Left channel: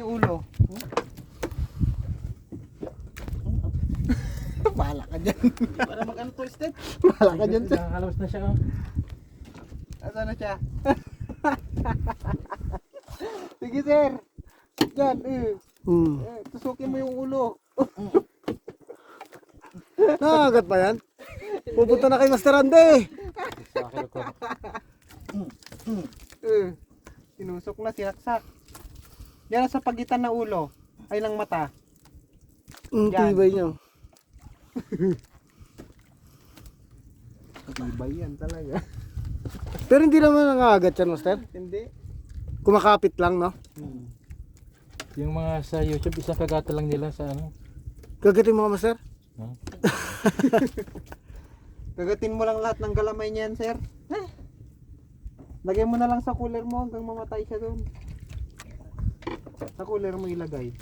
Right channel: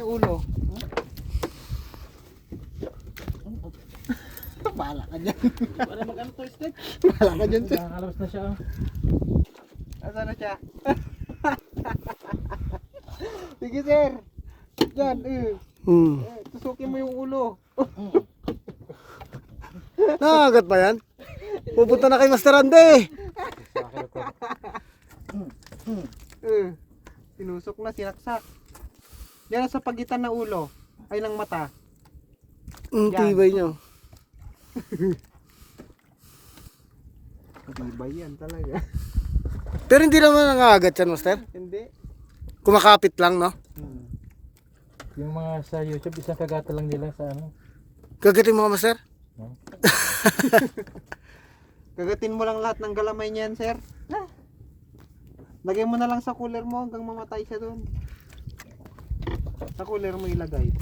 Yung ulo. Bahala ka dyan. Para mag-ano twisted. Bahala ka dyan. Nakakalabas na siya. Asa na siya? Sige sir. Yan tusukin mo yung ulo. Nakagat ba yan? Pupunta na kay Master Andy. Sinusok na, sinaksak. Yan sa pagitan ng ulo ay ng mata. Yan. Tibay niyo. Matibay yan talaga. Pero hindi naman nangagat yan, Master. Hindi. Kumakapit lang, no? Yung mga sa YouTube, isang kagata lang nila sa ano. Kagatin mo, Master? Huh? Kagatin mo lang lahat ng galamay niyan, sir. Lagay mo na lang sa cooler mo hanggang mamatay siya doon. Sa cooler mo ilagay.